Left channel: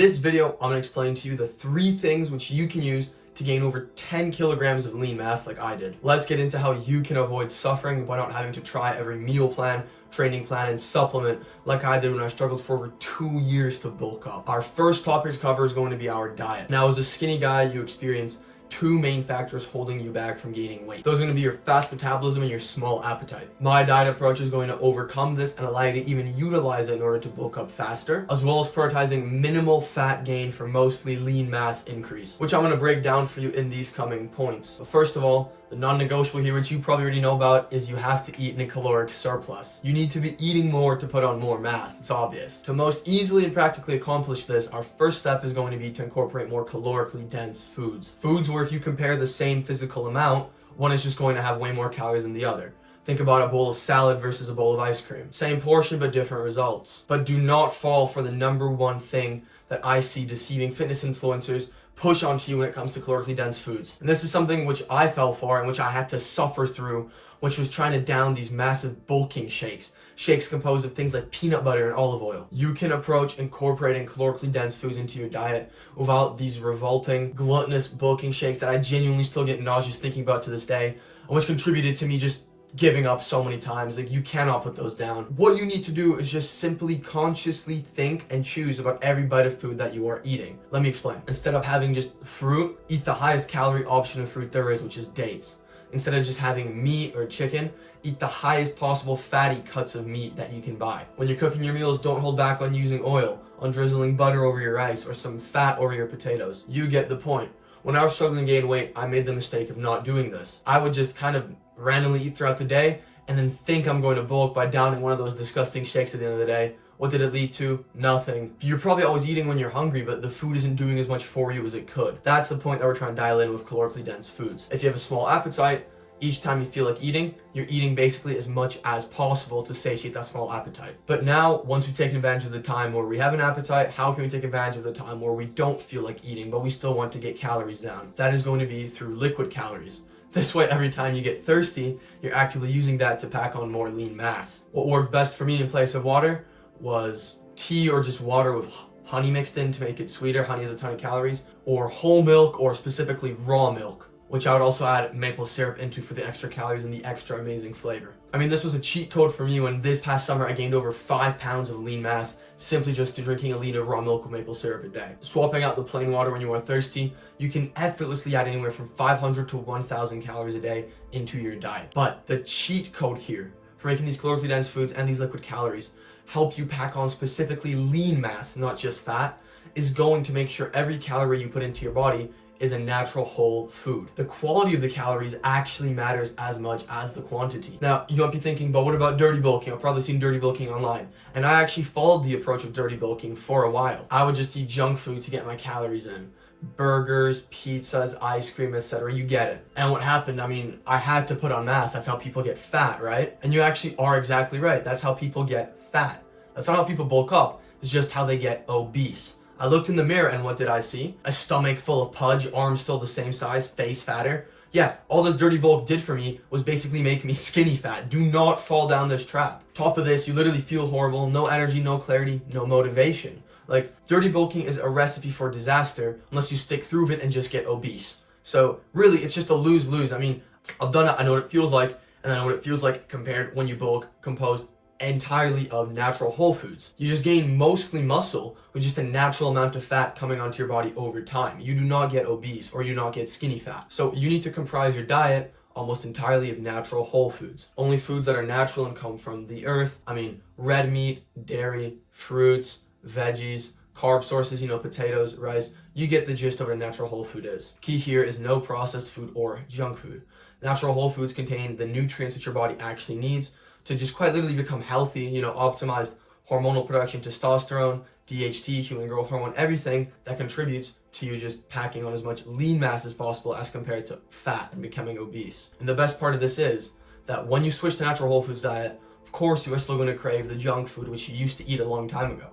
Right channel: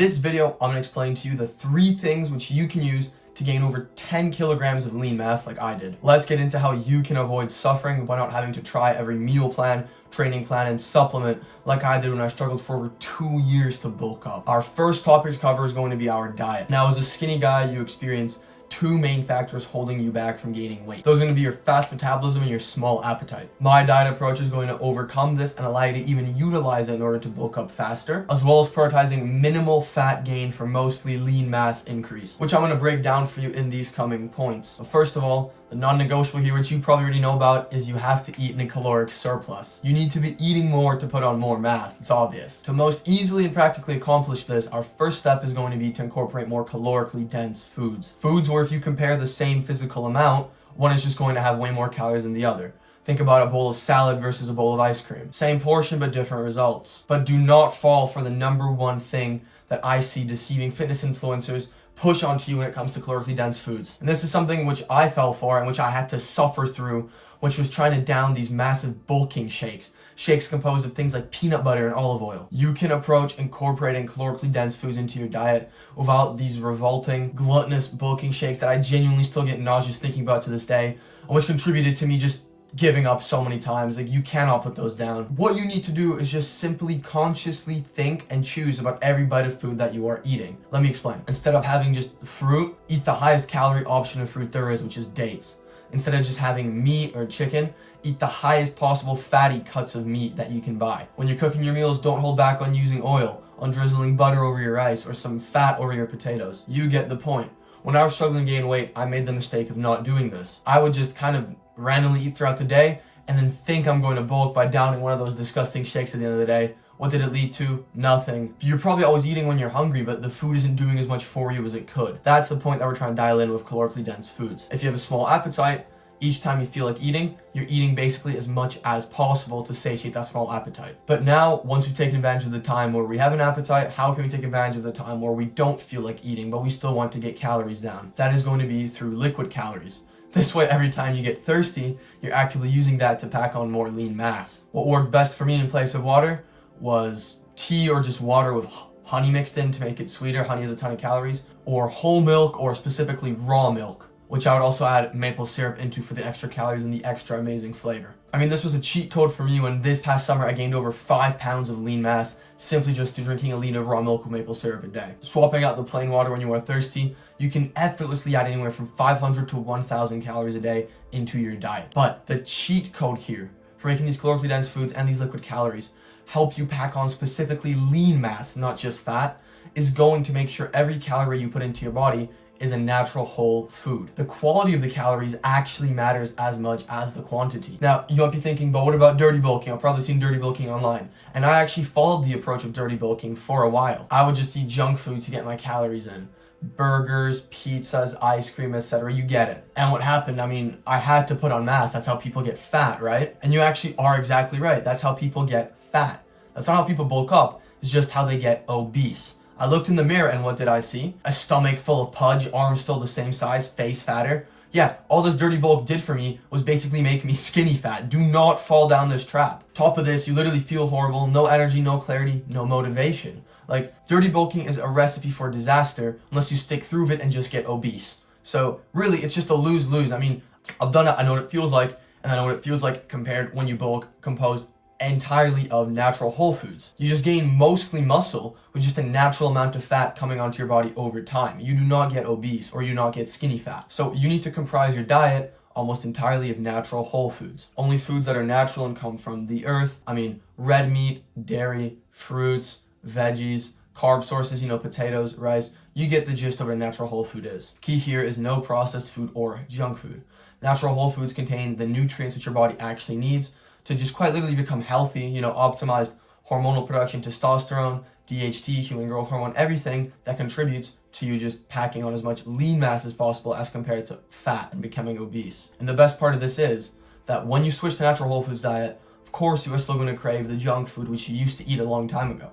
this video, I'm gonna explain to you the 3 things which you can use to gain over 10 kilograms of lean mass like I did. Let's get into how you can avoid suffering by not having to try every meal plan, training plan, and supplement like I did when I struggled for over 2 years to bulk up. Our first topic to cover is going to be our diet. Now, as a skinny guy, you experience 2 main factors holding you back from gaining weight. Those are going to be your fast metabolism and your small appetite. My diet approach is going to overcome this and allow you to even utilize it in order to bulk up faster, as well as prioritizing minimal fat gain for mostly lean mass increase, which I'm going to break down for you in these coming points. But first of all, the non-negotiable here, which you probably already know about, is you have to eat in a caloric surplus. You need to be eating more to put on more mass. It's obvious. To most easily and practically accomplish this, our first step is going to be to incorporate more calorically dense foods. Foods where if you compare the same physical amount, one is just going to have way more calories than the other. Think about a bowl of salad versus a bowl of ice cream. Same portion, but different results. But do not fall for the number one thing that I see deceiving fitness influencers push onto you when it comes to calorically dense foods. And this is something which I fell for and which I had to suffer through, which was trying to down these massive bulking shakes. Shakes composed of things like peanut butter and olive oil. You can approach incorporating calorically dense foods into your diet without these revolting, gluttonous bulking shakes that I genuinely still get nauseous thinking about to this day, and which contributed to me just giving up so many times. Like, you cannot put those down. What you need to do is just simply consciously think and choose about every bite of food that you are eating. Let me explain. Instead of having just fruit, eat the highest calorie option of fruit there is, which is dates. Instead of just having meat or chicken, eat the highest possible fatty cuts of meat that you can buy. When you're cooking your meals, don't hold back on using oil, on drizzling butter over your rice, or some fat over your potatoes. You get the point. When I was struggling to gain weight, I made the mistake of not doing this. I would just kind of randomly eat throughout the day and then think I'm going to bulk by downing one of those disgusting shakes at the end of the day. What did it lead to? Nothing. You're probably always eating when you're hungry, but the food isn't doing as much for you as it could. That's the point that we're trying to dial in with calorically dense foods. If you have a small appetite, each time you feel like eating, you're eating basically as much as possible to satiate that small appetite. But now, once we've taken advantage of the time where we have an appetite, how can we take advantage of the time where we don't feel like eating, but we still want to get calories down? That is going to be through liquid calories. This way, every time you get thirsty, you're actively using that to pack on more lean mass. What worked best for me in place of water was tea or just water with honey mixed in to make it sweeter. Honey has a ton of calories. Or whole milk, or specifically raw milk, which I would also add maple syrup into for the extra calories and the extra amazing flavor. I mean, this was a cheat code for me when this past summer I gained over 5 pounds of lean mass simply just through drinking a liter of raw milk with maple syrup a day. Swapping out the plain water when you are thirsty, you can effortlessly add anywhere from 500 to 1,000 calories a day into your diet. But the cheat code here for making these calorically dense foods and these liquid calories help you pack on specifically lean mass, not just fat, is going to make sure every calorie you put into your body is a natural whole food. The quality of the calories actually matters as much as the quantity. Now, you might be thinking, but what about dirty bulking? I've probably seen dirty bulking online. And I actually followed the approach of dirty bulking for a while. I would just eat junk food to get my calories in. Burgers, pizzas, ice cream, etc. You get it. And what happened, I mean, I had to put on mass. That's how people get fat, right? And you actually are exactly right. That's how people get fat. That's not how people bulk up. It's just how they get obese. I looked in the mirror and what did I see? A stomach full of pudge, arms still the same size, face fatter. Yeah, all this dirty bulk did for me was basically make me skinny fat. Do not fall down this trap. Top of this, you literally feel horrible, no energy, no clarity, no motivation. Like, dirty bulking is a recipe for disaster unless you stick through with it and just get obese. So really, it's just a lose-lose. I mean, I've done it, I know what it feels like, and I know what it feels like compared when you bulk composed entirely of natural whole foods. You just gain mostly muscle with just a natural amount of fat coming onto your body over time. You do not get obese or you do not get skinny fat. So you need to comprise your diet almost entirely of natural whole foods. Only foods that are natural and come from the earth. I mean, red meat, dairy, fruits, veggies, carb sources, potatoes, rice. You get the gist of what a natural whole food is. Key here is no processed food or junk food. Natural whole foods contain the nutrients that your body actually needs to just quite literally become healthy, optimized hormonal production, testosterone, DHT, human growth hormone, everything that contributes to you just packing on as much lean mass as possible as compared to fat and becoming obese. And the best part of this is that when you switch to natural whole foods diet, of course you are still going to crave the junk food which you used to eat a long time ago.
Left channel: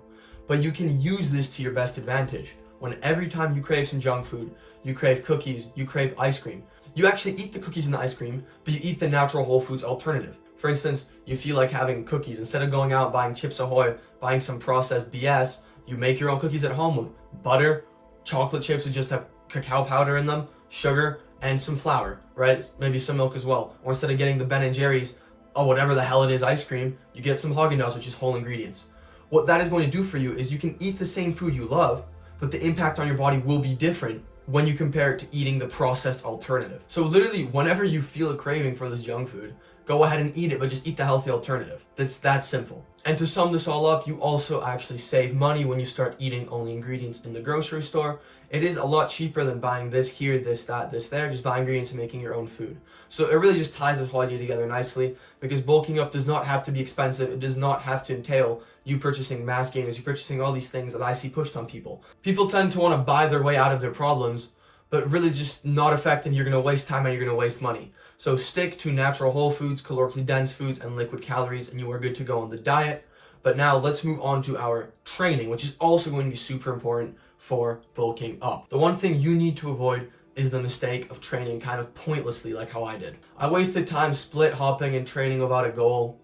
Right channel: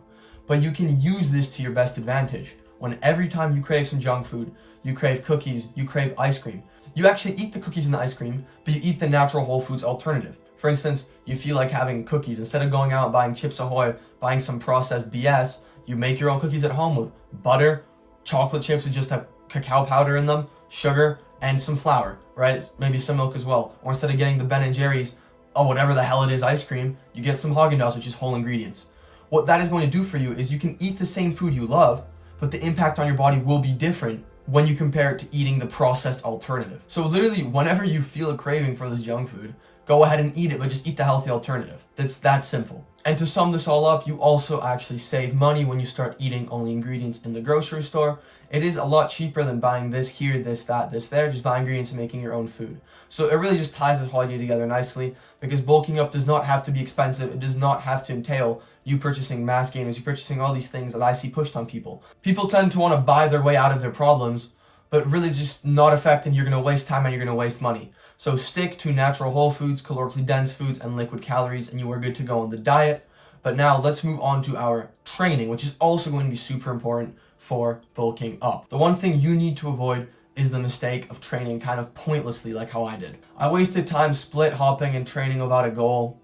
But you can use this to your best advantage. When every time you crave some junk food, you crave cookies, you crave ice cream, you actually eat the cookies and the ice cream, but you eat the natural whole foods alternative. For instance, you feel like having cookies. Instead of going out buying Chips Ahoy, buying some processed BS, You make your own cookies at home with butter, chocolate chips that just have cacao powder in them, sugar, and some flour, right? Maybe some milk as well. Or instead of getting the Ben & Jerry's, or whatever the hell it is, ice cream, you get some Haagen-Dazs, which is whole ingredients. What that is going to do for you is you can eat the same food you love, but the impact on your body will be different when you compare it to eating the processed alternative. So literally, whenever you feel a craving for this junk food, go ahead and eat it, but just eat the healthy alternative. That's that simple. And to sum this all up, you also actually save money when you start eating only ingredients in the grocery store. It is a lot cheaper than buying this here, this, that, this, there, just buying ingredients and making your own food. So it really just ties this whole idea together nicely, because bulking up does not have to be expensive. It does not have to entail you purchasing mass gainers, you purchasing all these things that I see pushed on people. People tend to want to buy their way out of their problems, but really just not effective. You're going to waste time and you're going to waste money. So stick to natural whole foods, calorically dense foods, and liquid calories, and you are good to go on the diet. But now let's move on to our training, which is also going to be super important for bulking up. The one thing you need to avoid is the mistake of training kind of pointlessly, like how I did. I wasted time split hopping and training without a goal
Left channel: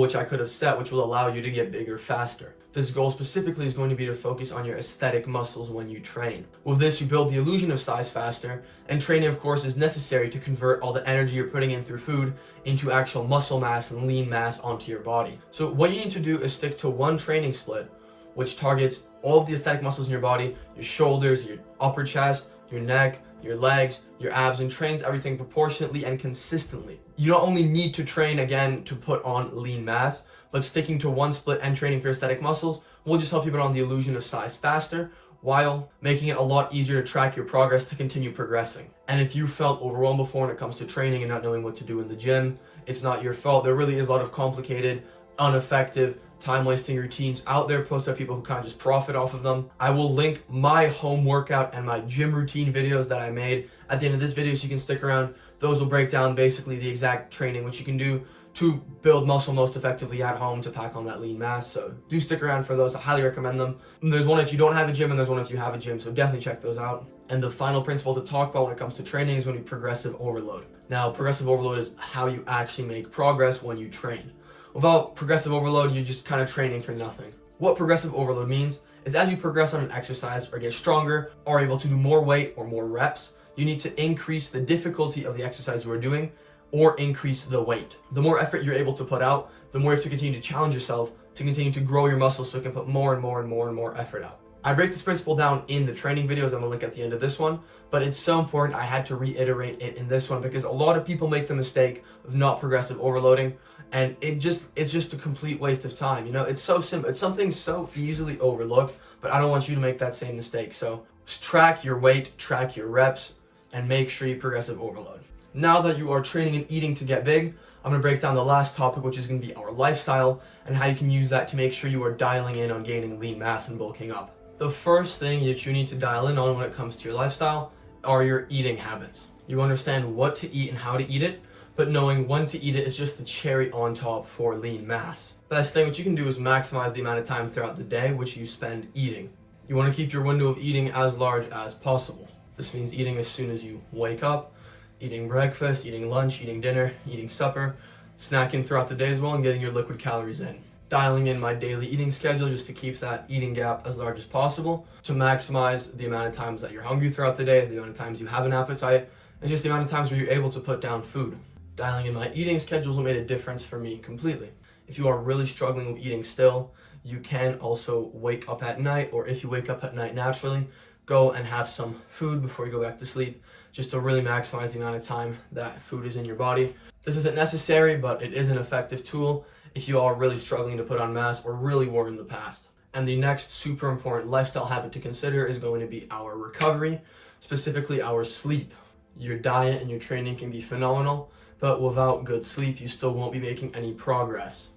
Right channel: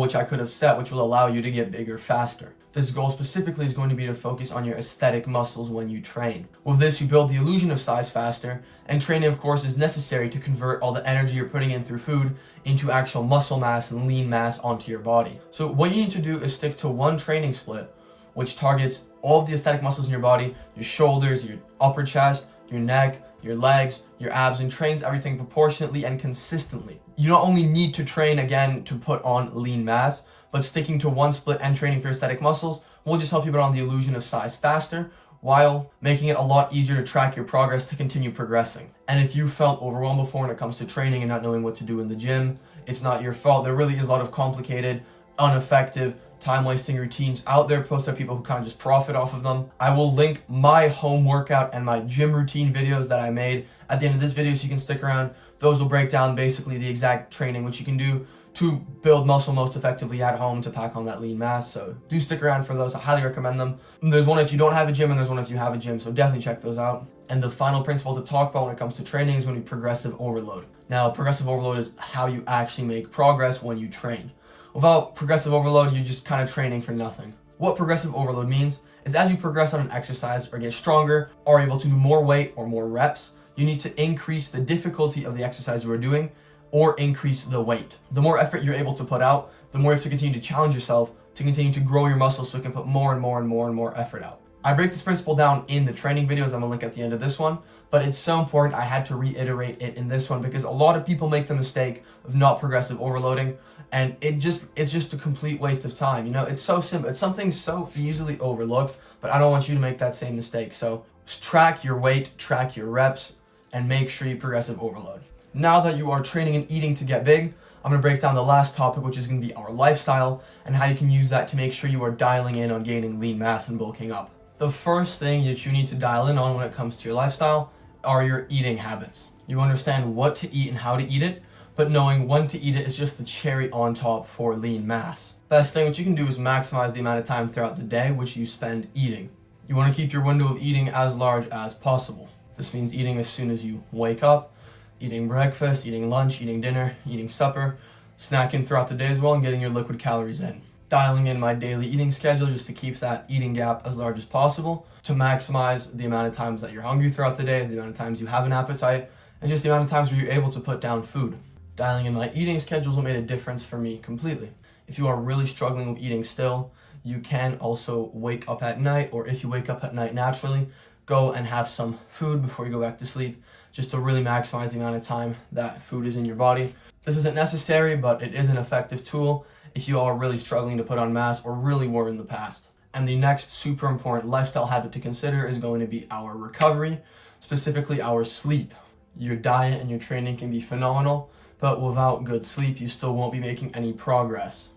which I could have set, which will allow you to get bigger faster. This goal specifically is going to be to focus on your aesthetic muscles when you train. With this, you build the illusion of size faster, and training, of course, is necessary to convert all the energy you're putting in through food into actual muscle mass and lean mass onto your body. So what you need to do is stick to one training split, which targets all of the aesthetic muscles in your body, your shoulders, your upper chest, your neck, your legs, your abs, and trains everything proportionately and consistently. You not only need to train again to put on lean mass, but sticking to one split and training for aesthetic muscles will just help you put on the illusion of size faster, while making it a lot easier to track your progress to continue progressing. And if you felt overwhelmed before when it comes to training and not knowing what to do in the gym, it's not your fault. There really is a lot of complicated, ineffective, time-wasting routines out there posted by people who kind of just profit off of them. I will link my home workout and my gym routine videos that I made at the end of this video so you can stick around. Those will break down basically the exact training which you can do to build muscle most effectively at home to pack on that lean mass. So do stick around for those. I highly recommend them. There's one if you don't have a gym and there's one if you have a gym, so definitely check those out. And the final principle to talk about when it comes to training is going to be progressive overload. Now, progressive overload is how you actually make progress when you train. Without progressive overload, you're just kind of training for nothing. What progressive overload means is as you progress on an exercise or get stronger or able to do more weight or more reps, you need to increase the difficulty of the exercise you are doing or increase the weight. The more effort you're able to put out, the more you have to continue to challenge yourself to continue to grow your muscles so you can put more and more and more and more effort out. I break this principle down in the training videos. I'm gonna link at the end of this one, but it's so important I had to reiterate it in this one because a lot of people make the mistake of not progressive overloading, and it's just a complete waste of time. You know, it's so simple. It's something so easily overlooked, but I don't want you to make that same mistake. So track your weight, track your reps, and make sure you progressive overload. Now that you are training and eating to get big, I'm going to break down the last topic, which is going to be our lifestyle and how you can use that to make sure you are dialing in on gaining lean mass and bulking up. The first thing that you need to dial in on when it comes to your lifestyle are your eating habits. You understand what to eat and how to eat it, but knowing when to eat it is just the cherry on top for lean mass. Best thing what you can do is maximize the amount of time throughout the day which you spend eating. You want to keep your window of eating as large as possible. This means eating as soon as you wake up, eating breakfast, eating lunch, eating dinner, eating supper, snacking throughout the day as well, and getting your liquid calories in. Dialing in my daily eating schedule just to keep that eating gap as large as possible to maximize the amount of times that you're hungry throughout the day, the amount of times you have an appetite, and just the amount of times where you're able to put down food. Dialing in my eating schedules will make a difference for me completely. If you are really struggling with eating still, you can also wake up at night, or if you wake up at night naturally, go and have some food before you go back to sleep, just to really maximize the amount of time that food is in your body. This isn't necessary, but it is an effective tool if you are really struggling to put on mass or really were in the past. And the next super important lifestyle habit to consider is going to be our recovery, specifically our sleep. Your diet and your training can be phenomenal, but without good sleep, you still won't be making any progress.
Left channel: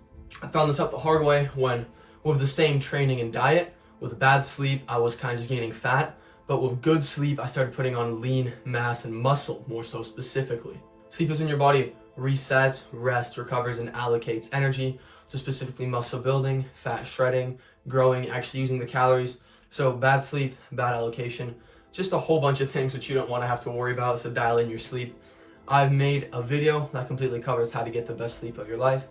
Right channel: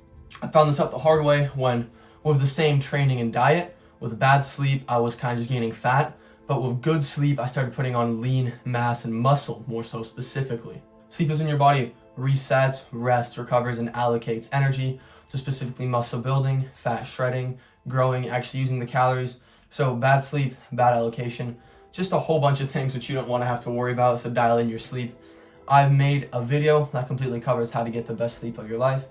I found this out the hard way when, with the same training and diet, with bad sleep, I was kind of just gaining fat, but with good sleep, I started putting on lean mass and muscle, more so specifically. Sleep is when your body resets, rests, recovers, and allocates energy to specifically muscle building, fat shredding, growing, actually using the calories. So bad sleep, bad allocation, just a whole bunch of things which you don't want to have to worry about, so dial in your sleep. I've made a video that completely covers how to get the best sleep of your life.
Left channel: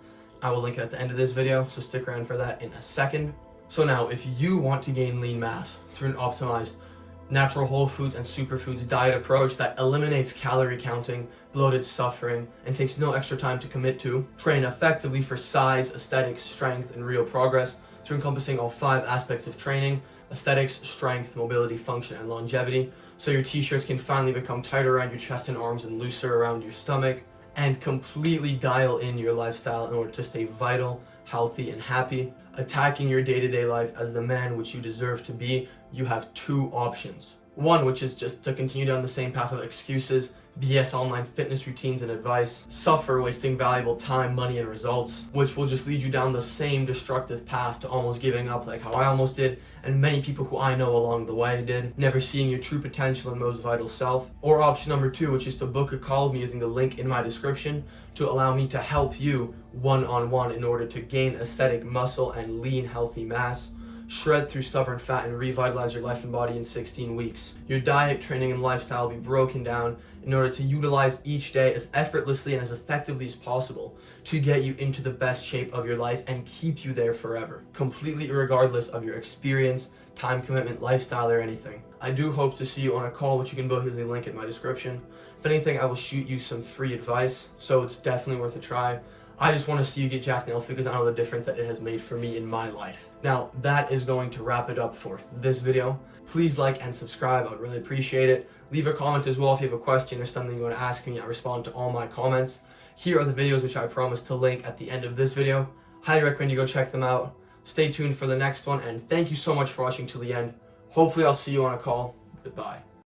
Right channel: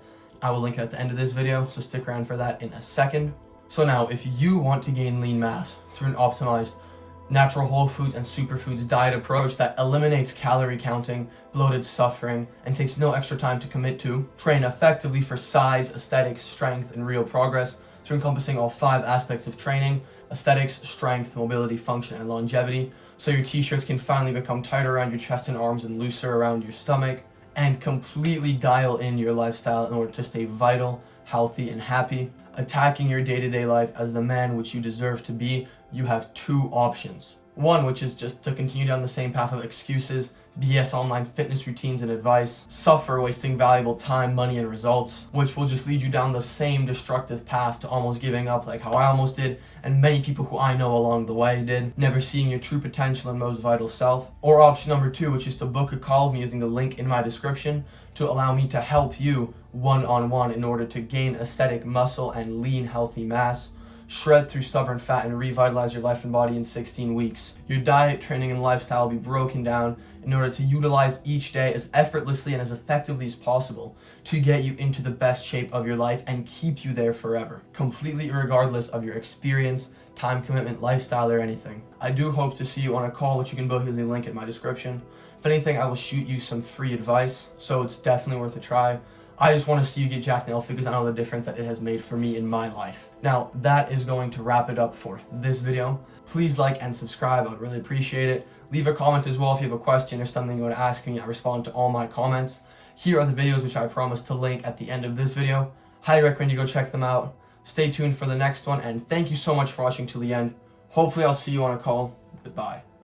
I will link it at the end of this video, so stick around for that in a second. So now, if you want to gain lean mass through an optimized natural whole foods and superfoods diet approach that eliminates calorie counting, bloated suffering, and takes no extra time to commit to, train effectively for size, aesthetics, strength, and real progress through encompassing all 5 aspects of training: aesthetics, strength, mobility, function, and longevity, so your t-shirts can finally become tighter around your chest and arms and looser around your stomach, and completely dial in your lifestyle in order to stay vital, healthy, and happy, attacking your day-to-day life as the man which you deserve to be, you have 2 options. One, which is just to continue down the same path of excuses, BS online fitness routines and advice, suffer wasting valuable time, money, and results, which will just lead you down the same destructive path to almost giving up, like how I almost did, and many people who I know along the way did, never seeing your true potential and most vital self. Or option number 2, which is to book a call with me using the link in my description to allow me to help you one-on-one in order to gain aesthetic muscle and lean healthy mass, shred through stubborn fat, and revitalize your life and body in 16 weeks. Your diet, training, and lifestyle will be broken down in order to utilize each day as effortlessly and as effectively as possible to get you into the best shape of your life and keep you there forever, completely regardless of your experience, time commitment, lifestyle, or anything. I do hope to see you on a call, which you can book using the link in my description. If anything, I will shoot you some free advice, so it's definitely worth a try. I just want to see you get jacked and healthy because I know the difference that it has made for me in my life. Now, that is going to wrap it up for this video. Please like and subscribe. I would really appreciate it. Leave a comment as well if you have a question or something you want to ask me. I respond to all my comments. Here are the videos which I promised to link at the end of this video. Highly recommend you go check them out. Stay tuned for the next one, and thank you so much for watching till the end. Hopefully I'll see you on a call. Goodbye.